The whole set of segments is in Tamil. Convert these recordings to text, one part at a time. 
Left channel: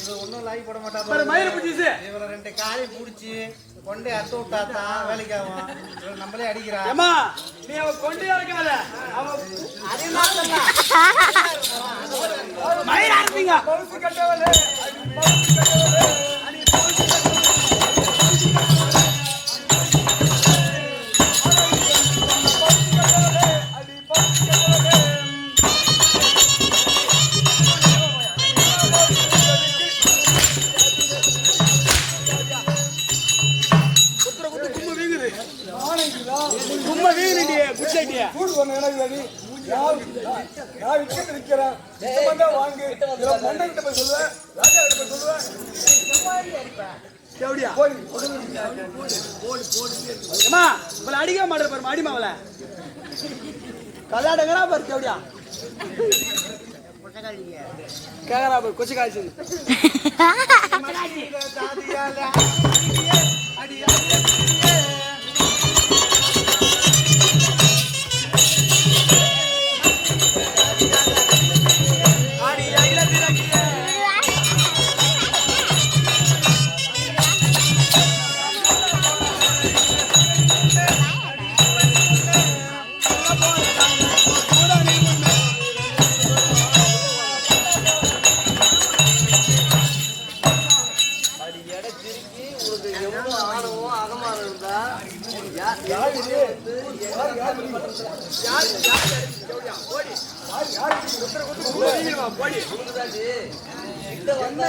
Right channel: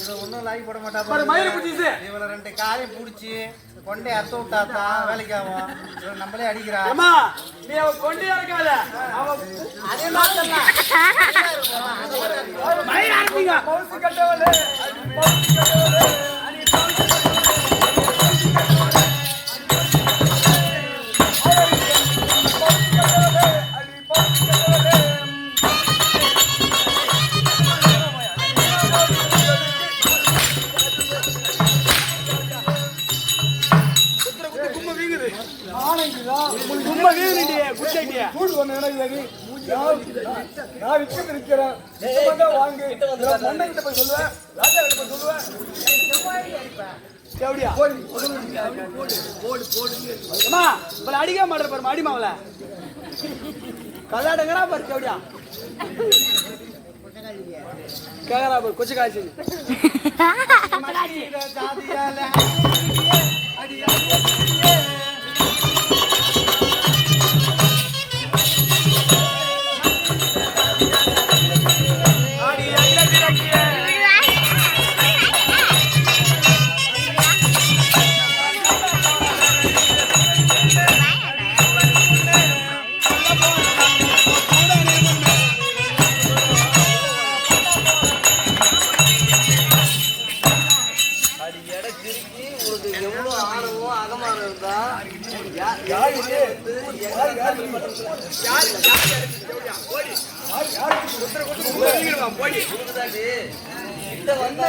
இது ஒன்னும் லாகி போட மாட்டா. இவள ரெண்டு காலையும் புடிச்சு கொண்டே அறுத்து விட்டாதான் வேலைக்கு ஆகும். இவள் நம்மளே அடிக்கிறா. நீ அவ கொண்டே இருக்காத. அதே மாத்தலாம். பவுசு கட்டவளே பவுசு கட்டவளே நான் விற்கிறது இருக்கிறேன். வாங்கு மண்ணை கிட்ட போய் சொல்லுவேன், ராஜா கிட்ட போய் சொல்லுவேன். அடிக்க மாட்டேன் பாரு அடிமாவல கல்லாடுங்கிறா பாரு தேவடியா கேக்குறா பாரு கொச்சு காய்ச்சி என்ன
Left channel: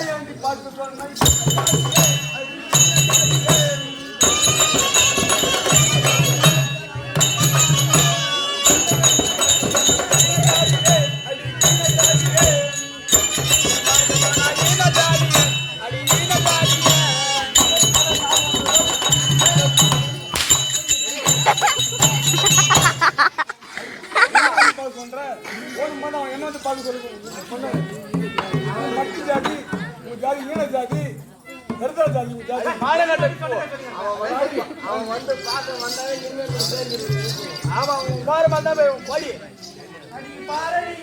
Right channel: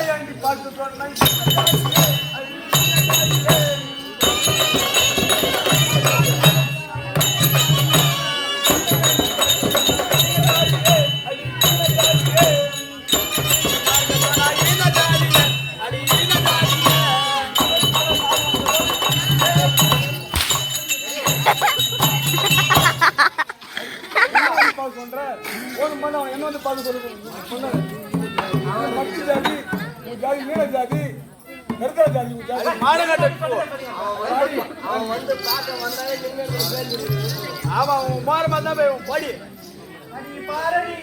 வந்து பார்த்து சொல்லுங்க. மட்டு ஜாதி ஜாதி மீன ஜாதி கருத்தா ஜாதி ஆமா பாரமா தான் போய் பாடி பாரடி